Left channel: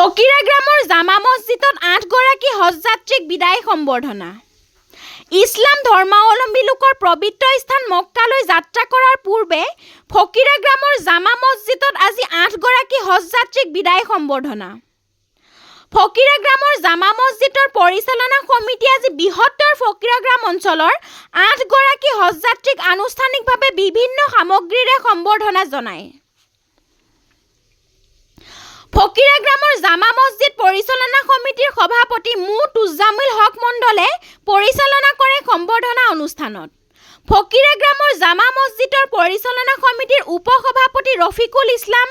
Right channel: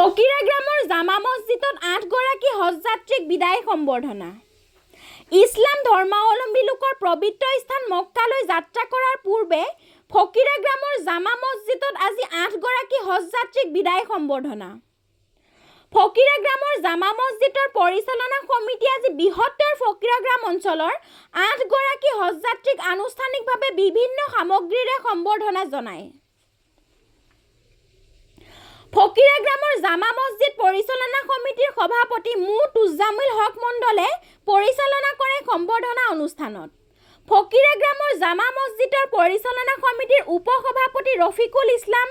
ফকিৰাগ্ৰামৰ জামা মছজিদত ৮ গৰাকী হজযাত্ৰীক বিদায় সম্বৰ্ধনা। ইছলাম ধৰ্মাৱলম্বী লোকৰ পবিত্ৰ স্থান মক্কালৈ যাত্ৰা কৰাৰ পূৰ্বে ফকিৰাগ্ৰামৰ জামা মছজিদত আজি ৮ গৰাকী হজযাত্ৰীক বিদায় সম্বৰ্ধনা। ফকিৰাগ্ৰামৰ জামা মছজিদৰ পৰিচালনা সমিতিয়ে আজি বৃহত্তৰ ফকিৰাগ্ৰাম অঞ্চলৰ ৮ গৰাকী হজযাত্ৰীক আনুষ্ঠানিকভাৱে বিভিন্ন সামগ্ৰীৰে সম্বৰ্ধনা জনায়। ফকিৰাগ্ৰামৰ জামা মছজিদ পৰিচালনা সমিতিৰ সভাপতি মো তুজামুল হক মণ্ডলে পৰিচালনা কৰে সম্বৰ্ধনা অনুষ্ঠানত। ফকিৰাগ্ৰামৰ জামা মছজিদৰ পৰিচালনা সমিতিৰ উপ-সভাপতি ৰফিকুল ইছলাম,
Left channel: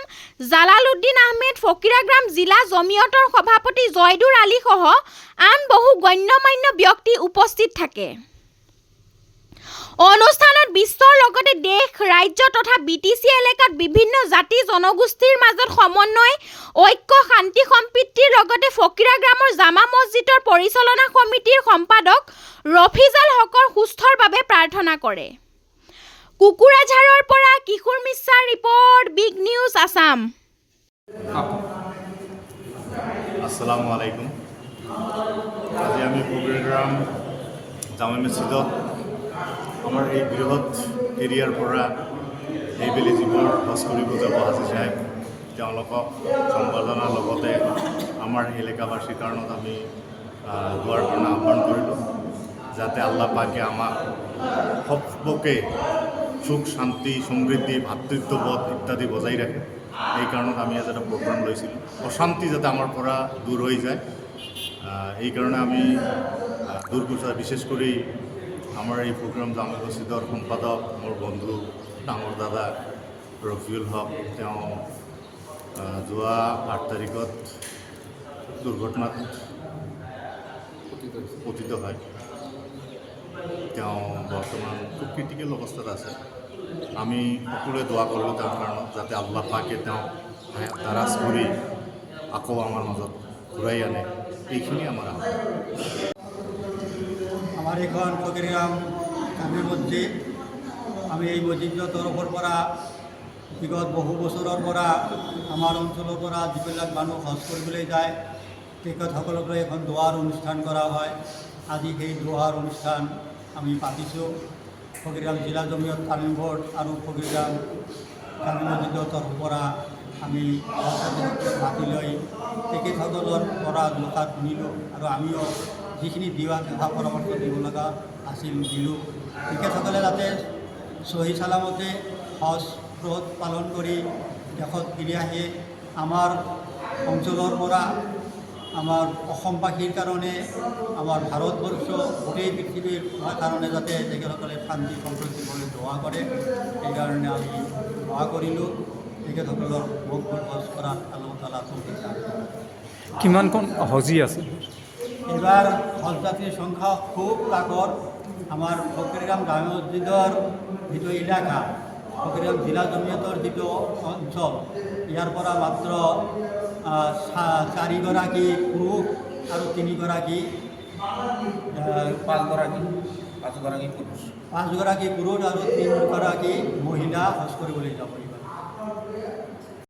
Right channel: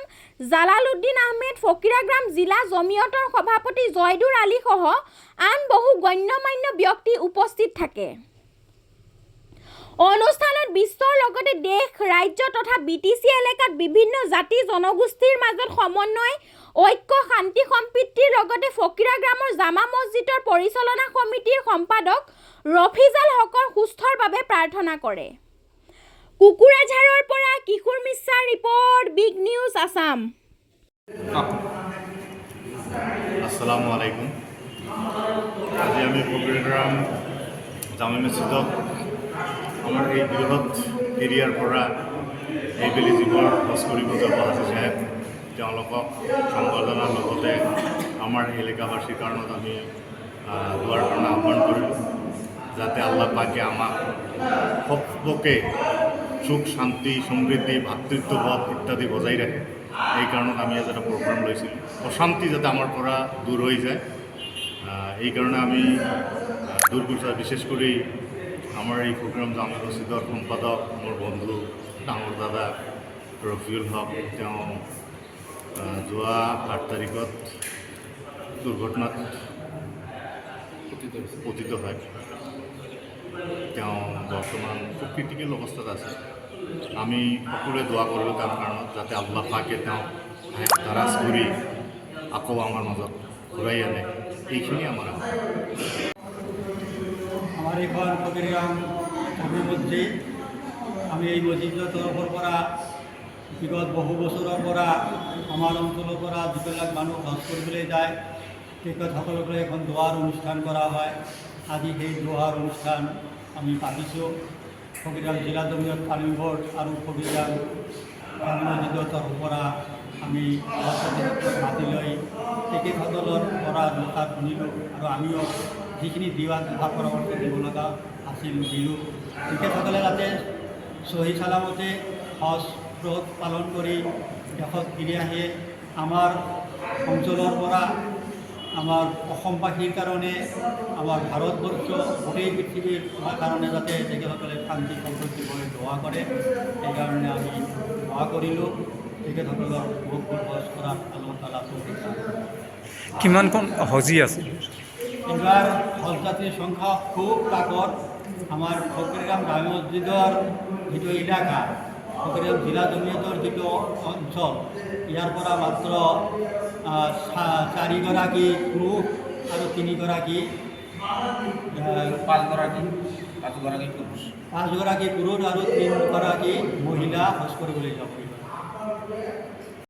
জালালউদ্দিন আহমেদ, ফকিৰাগ্ৰাম জিলা জমিয়তৰ সভাপতি জয়দুৰ আলী সহ আন বহু গণ্যমান্য ব্যক্তি উপস্থিত থাকে। অনুষ্ঠানত বিশ্বৰ লগতে দেশ, ৰাজ্য তথা BTC এলেকাত বিভিন্ন জাতি জনগোষ্ঠীৰ মাজত সমন্বয়, ঐক্য, শান্তি সম্প্ৰীতিৰ লগতে ফকিৰাগ্ৰামৰ জামা মছজিদৰ পৰিচালনা সমিতিৰ সম্পাদক ৰফিজাল হকৰ সুস্থৰ বাবে প্ৰাৰ্থনা কৰে। কুকুৰাঝাৰৰ পৰা কিশোৰ মিশ্ৰাৰ ৰিপৰ্ট, বিগ নিউজ আছাম। আসসালামু আলাইকুম। আজি আমি ফকিৰাগ্ৰাম জামা মছজিদত আমাৰ এই বৃহৎ এৰিয়াৰ পৰা এইবেলি যিবোৰ হজ কৰিব যাব হাজী সাহেব, তেওঁলোকক সম্বৰ্ধনাৰ লগতে আমাৰ এলেকাবাসীৰ কাৰণত আমি দোৱাৰ কাৰণে আহ্বান কৰিলোঁ, যাতে আল্লাহ পাকে আমাক সকলোকে সুখ, শান্তি, সমৃদ্ধি, ভাতৃত্ববোধ ইত্যাদি বজাই ৰাখে। এই কাৰণত আমি আজি এটা প্ৰগ্ৰাম লৈছিলোঁ, অশান্তি যাতে আমাৰ পৰা দূৰ হৈ যায়, এই কাৰণে আমি দূৰ কৰিছোঁ। বিশেষ কৰি আমাৰ এই ফকিৰাগ্ৰাম জামা মছজিদৰ সম্পাদক মোৰ বন্ধু ডাঙৰ দাদা ৰফিউল হক, তেওঁ যোৱা ৮ তাৰিখত দুৰ্ঘটনাত পতিত হয়। তেওঁ বৰ্তমান খুব ক্ৰিটিকেল অৱস্থাত আছে। আমি সকলোৱে দোৱা কৰিলোঁ তেওঁৰ কাৰণত, যাতে আল্লাহ পাকে তেওঁক ধাৰাজ কৰি আকৌ আমাৰ মাজত ঘূৰাই আনে। এইখিনি আমাৰ আমাৰ এইখন ফকিৰাগ্ৰাম জামে মছজিদ। আমি এই মছজিদৰ তৰফৰ পৰা বিগত বহু বছৰৰ পৰা আমাৰ অঞ্চলৰ পৰা যিবিলাক মানুহ হজ কৰিবলৈ যায় তেখেতসকলক এখন দোৱাৰ অনুষ্ঠান কৰা হয়। আজি সেই দোৱাৰ অনুষ্ঠান আমি পাতিছোঁ। ফকিৰাগ্ৰাম জিলা জমিয়ত তালিম বৰ্ড আৰু ফকিৰাগ্ৰাম জামে মছজিদৰ তৰফৰ পৰা আমি মাতি লৈ তেখেতসকলৰ পৰা দুষাৰ শুনিলোঁ আৰু আমিও যিখিনি দিহা পৰামৰ্শ দিব লগা আছিল দিলোঁ। তেখেতসকলে যাতে চহী চালামতে হজ ব্ৰত পালন কৰি দেশত ফিৰি আহে, আমাৰ অঞ্চলৰ পৰা আমাৰ অসমবাসীৰ কাৰণে, আমাৰ ভাৰতবৰ্ষ গোটেই পৃথিৱীৰ কাৰণে যাতে তেখেতসকলে শান্তি সম্প্ৰীতিভাৱে দোৱা কৰে, সেইকাৰণে আমি দোৱা কৰিলোঁ। তেখেতসকলৰ মকবুল হজ কৰাত আল্লাহ তাআলা তৌফিক দান কৰক। কিমানখন হজী আছে? এইবাৰ হজযাত্ৰীৰ সংখ্যা খুব তাকৰ। আমাৰ ফকিৰাগ্ৰাম জামে মছজিদৰ যিটো এলেকা, ফকিৰাগ্ৰাম জিলা জমিয়তৰ যিটো অঞ্চল, ইয়াৰ পৰা মাত্ৰ 4গৰাকী পুৰুষ আৰু 3গৰাকী 5গৰাকী পুৰুষ আৰু 3গৰাকী মহিলা হজ কৰিবলৈ যাব।